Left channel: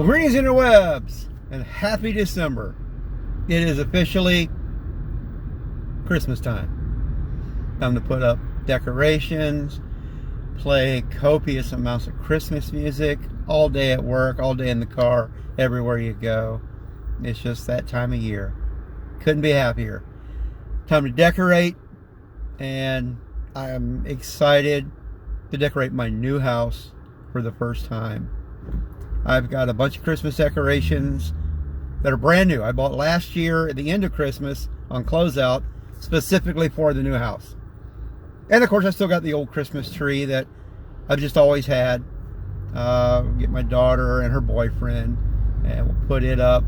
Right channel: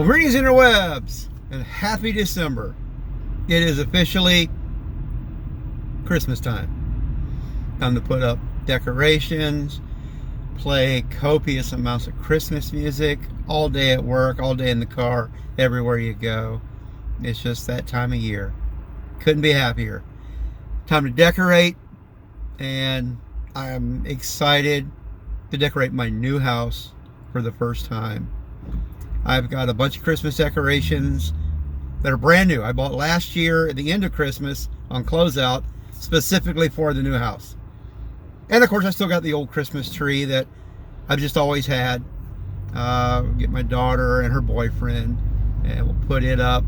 Well, greetings interwebs, and happy December. It is officially Christmas time. Time to put up decorations, play copious amounts of Christmas music, all day at work, all day in the car, everywhere you go. It's just that time of year. Couldn't be happier. Time to decorate, and I'm excited to decorate my new house for the first time. I've got a bunch of Christmas decorations that are brand new. I bought last year at the end of Christmas on closeout specifically for the new house. And of course I still got the old Christmas tree that I've just always had. Get my daughter and her boyfriend and we'll put it up,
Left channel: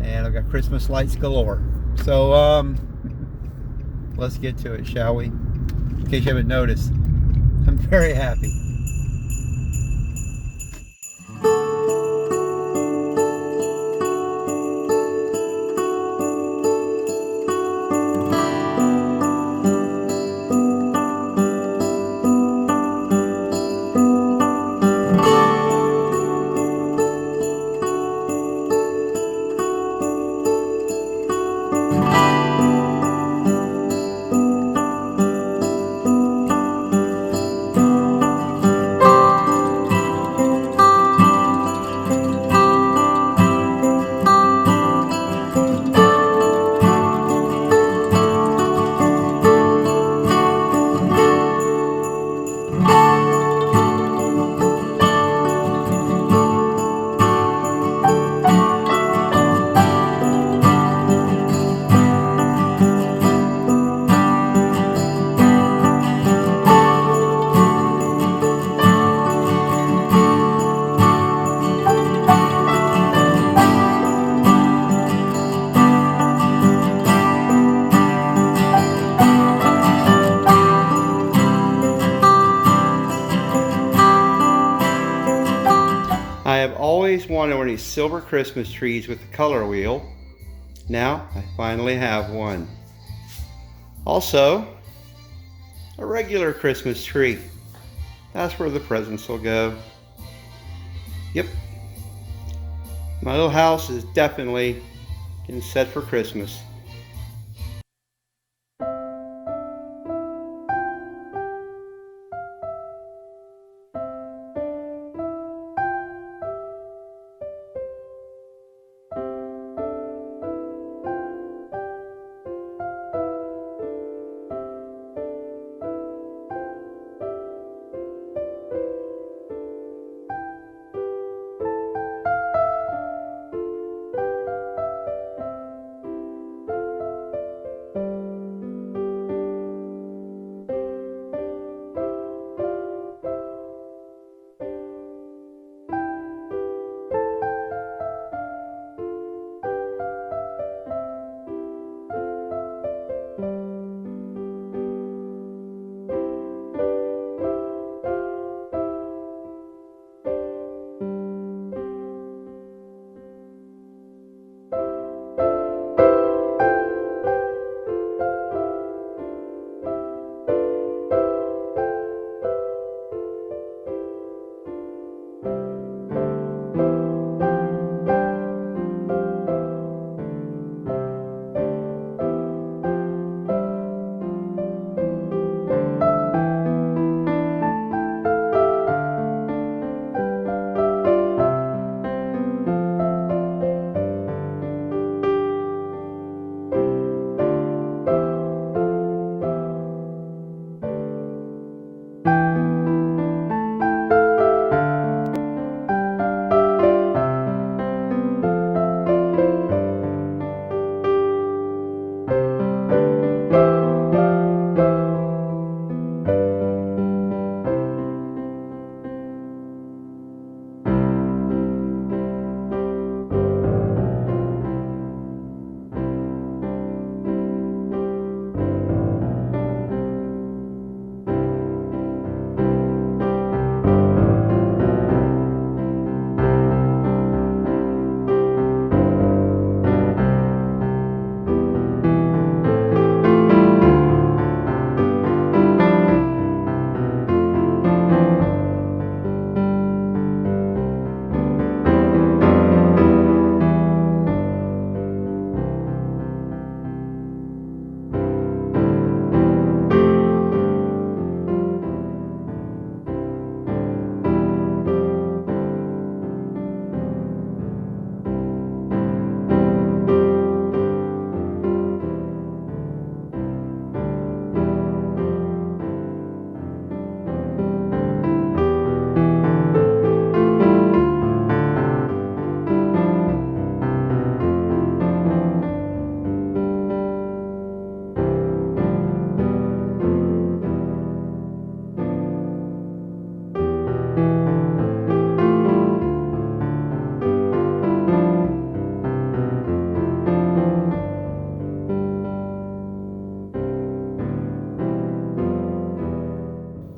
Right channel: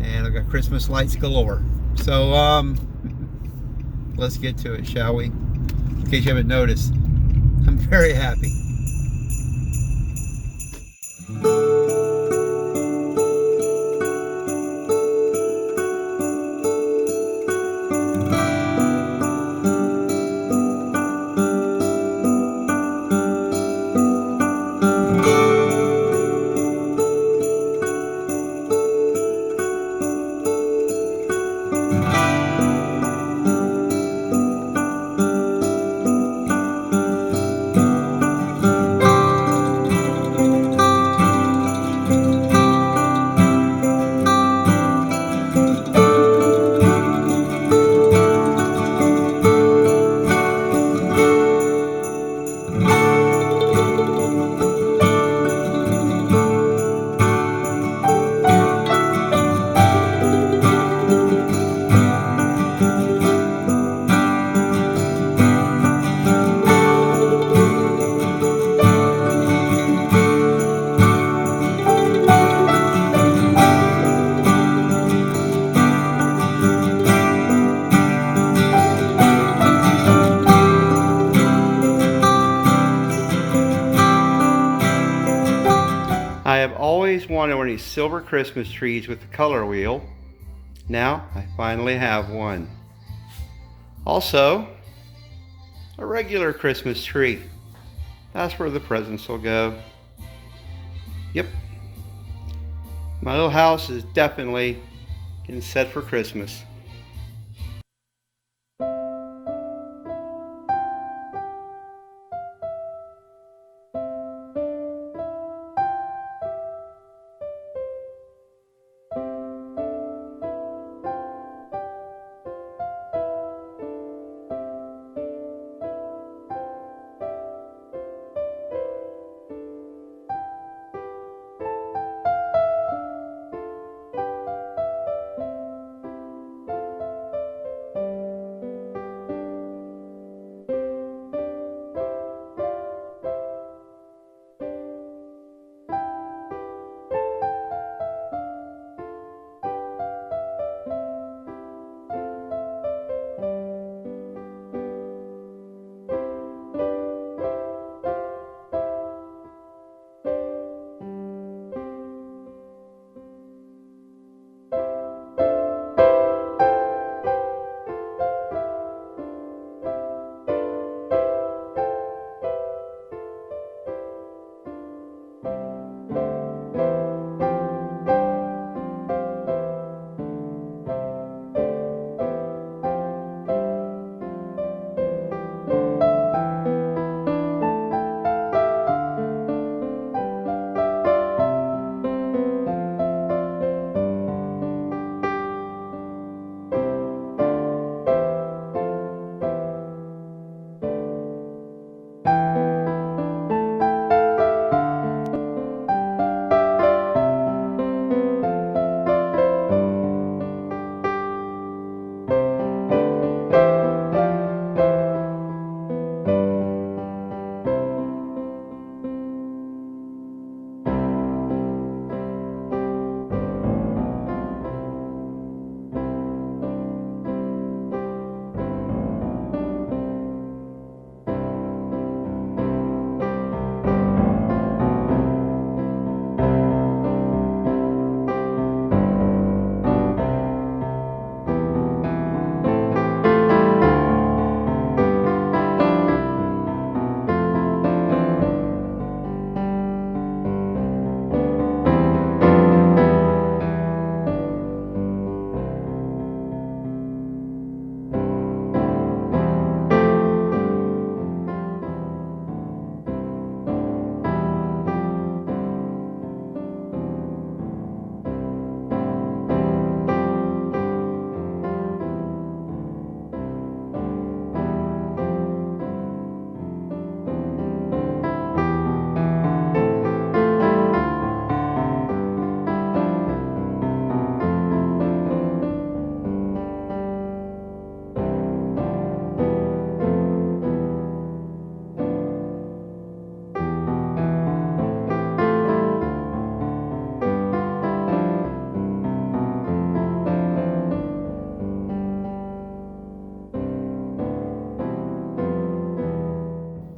and I've got Christmas lights galore. So let's get to it, shall we? In case you haven't noticed, I'm very happy. I have always wanted one of these silver Christmas trees with the color wheel. Now I finally have one. Also, a regular Christmas tree. That's where the presents will go. Yep. My little house is definitely getting set for Christmas.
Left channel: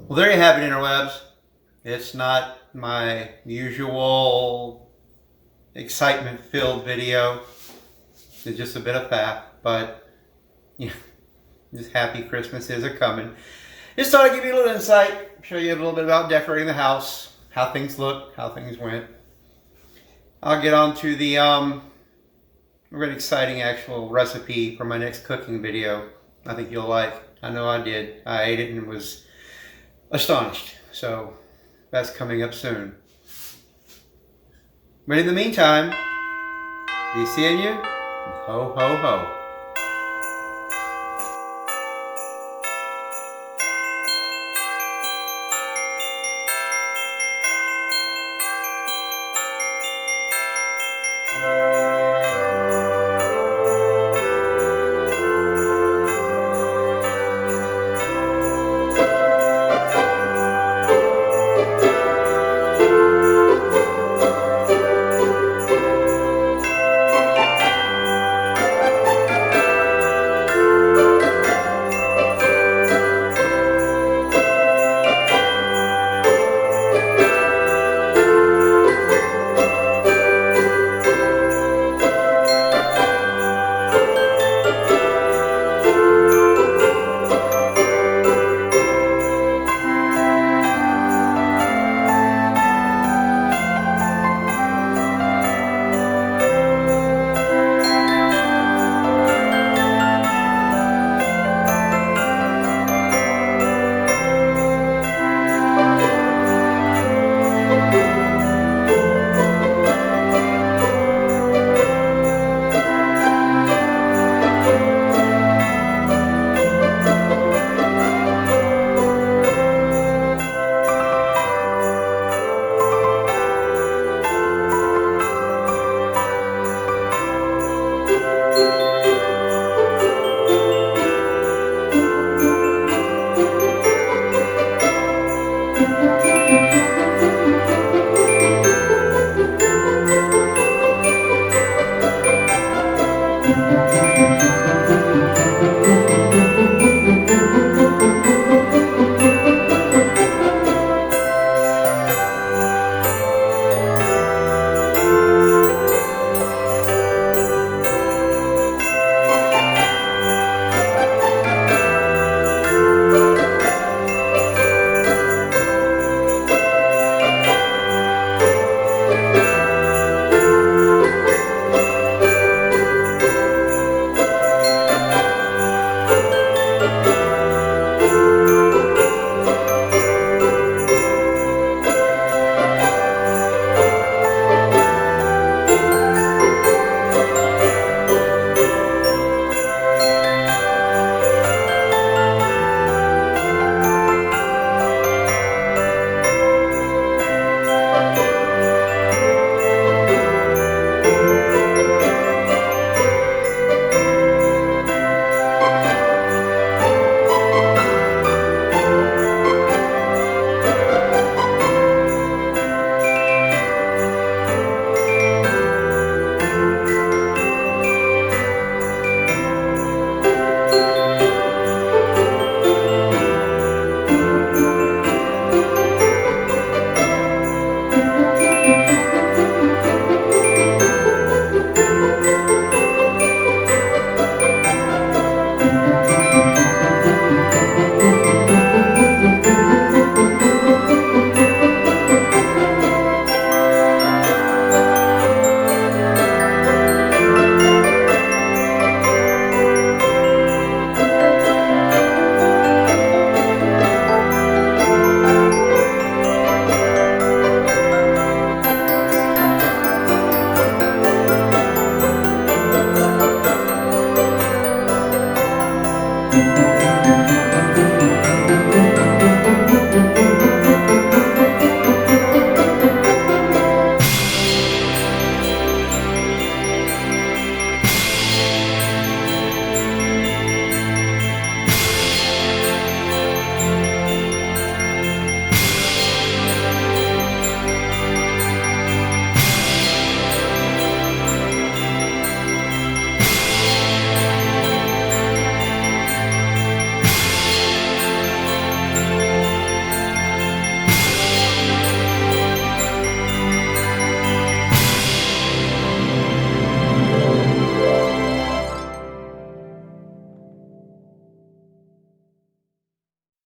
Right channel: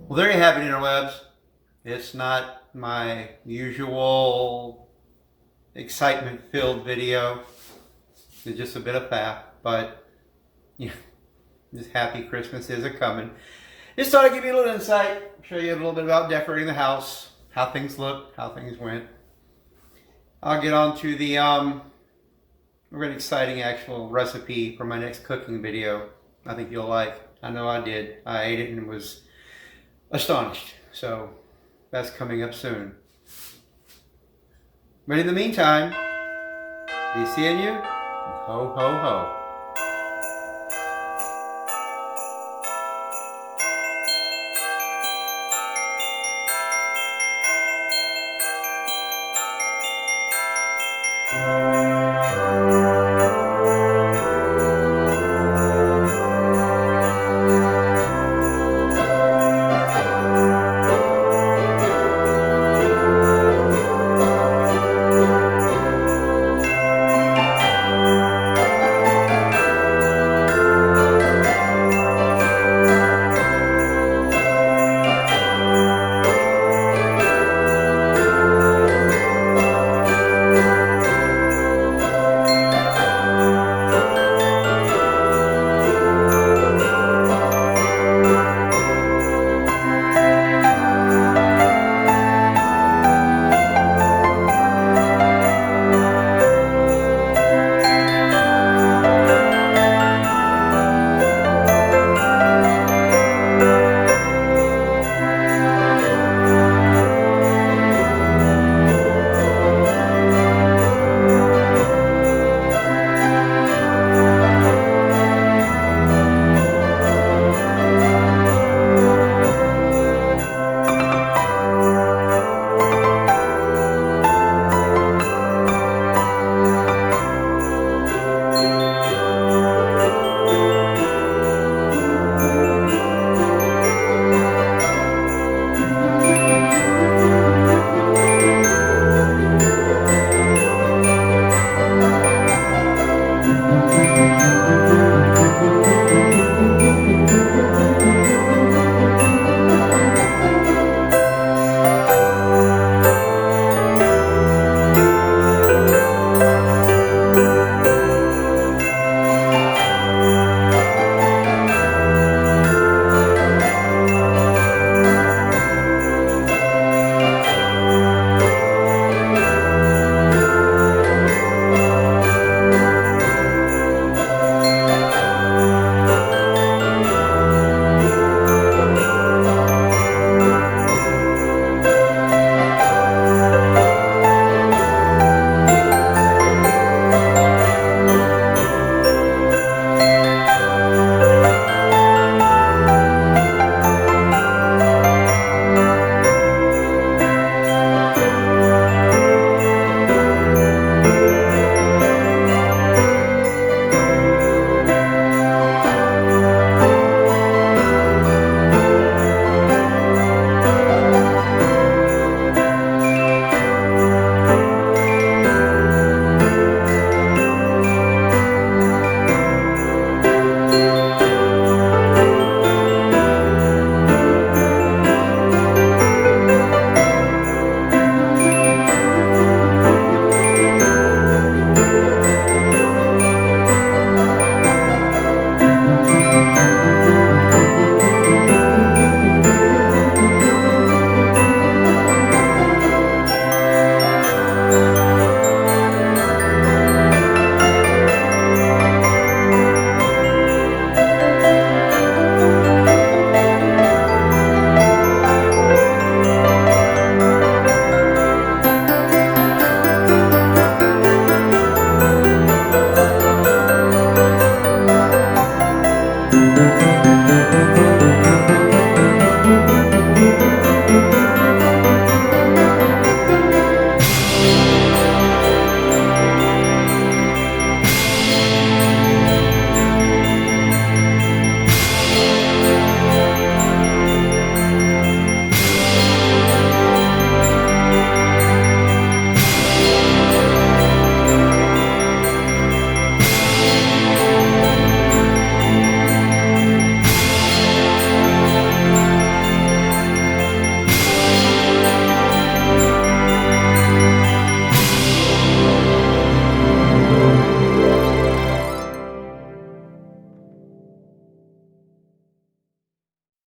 Well, there you have it, interwebs. It's not my usual excitement-filled video. It's just a bit of faff, but yeah, just happy Christmas is a-coming. Just thought I'd give you a little insight, show you a little bit about decorating the house, how things look, how things went. I'll get on to the really exciting actual recipe for my next cooking video. I think you'll like. I know I did. I ate it and was astonished. So that's coming up soon. But in the meantime, be seeing you. Ho, ho, ho.